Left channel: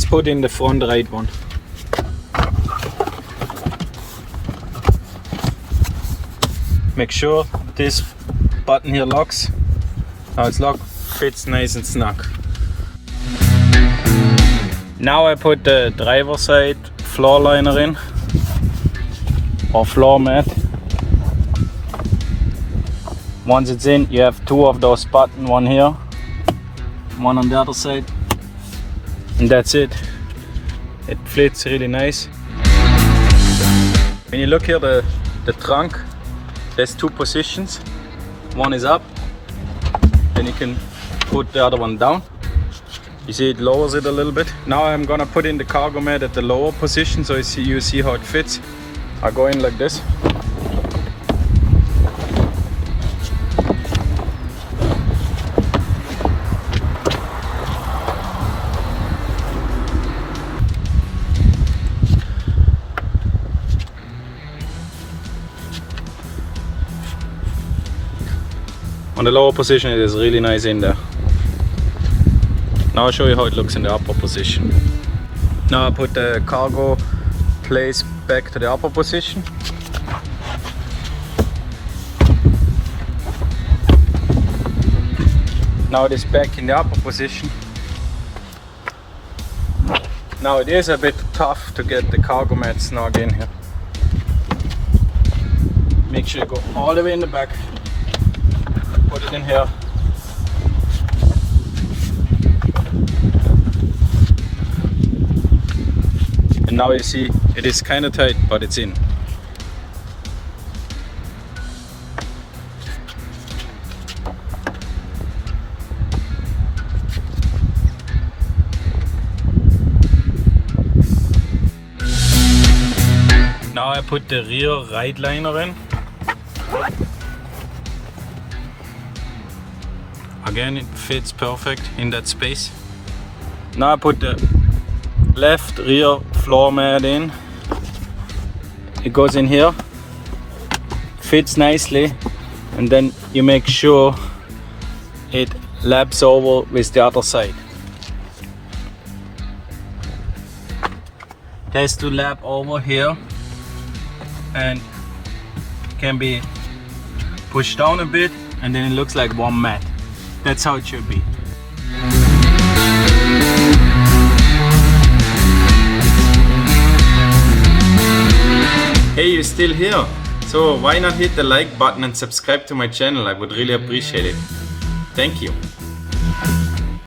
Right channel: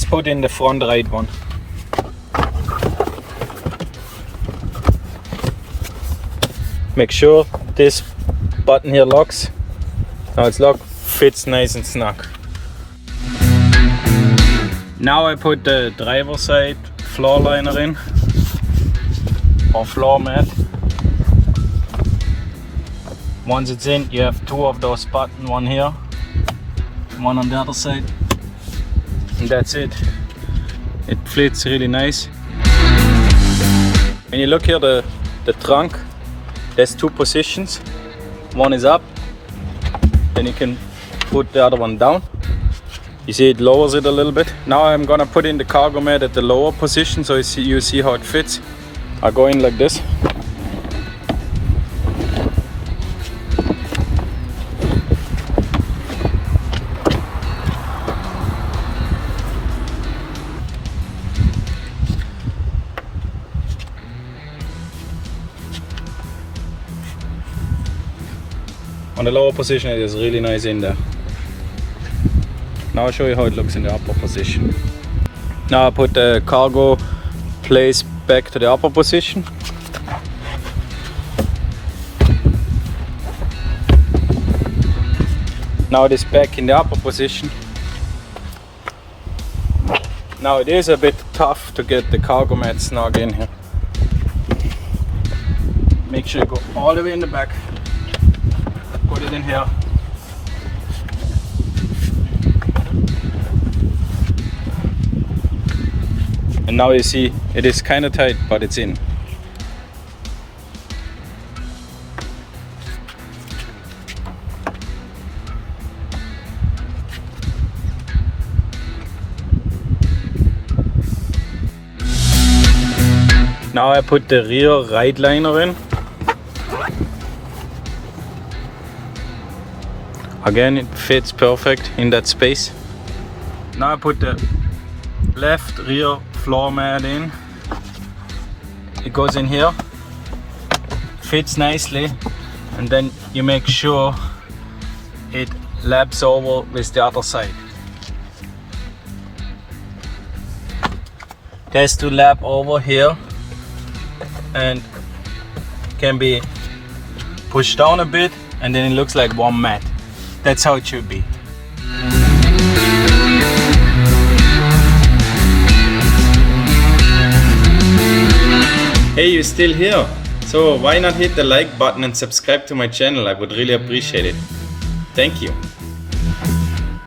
let's put in the front right one. Make sure this button here locks. Now it's locked, fits nice and snug. Now I put the driver side floor liner in, or floor mat. Once it's in, you have two of those buttons, one here, one on the other side, and that's it. It fits really nice. When you look here, the trunk, there's two positions. One is up, then you can put the other one down. You see it lowers it a little bit. Now I'm gonna put in the cargo mat at the lower position, so you see how it fits. I go in like this. On the lower position, it is really nice in there. Now I'll show you how it looks in the upper position. Now I put the cargo place back to the upper position. Now it is back in the upper position. Now it is a bit tough to get the cargo mat snug in here. Make sure you go all the way in the back. Put it in here. And now you see it is kind of tight, but it's in. Now I put the rear right liner in. Again, it fits perfect in that space. Now I put the left rear floor mat in. It goes in here, fits nicely, and then you make sure it laps over with the other side. It has to lap over here and can be pushed down a bit, and then it looks like one mat. That's how it should be. Hey, you're still here? So why not hit the like button and subscribe to my channel? I would really appreciate it. Thank you.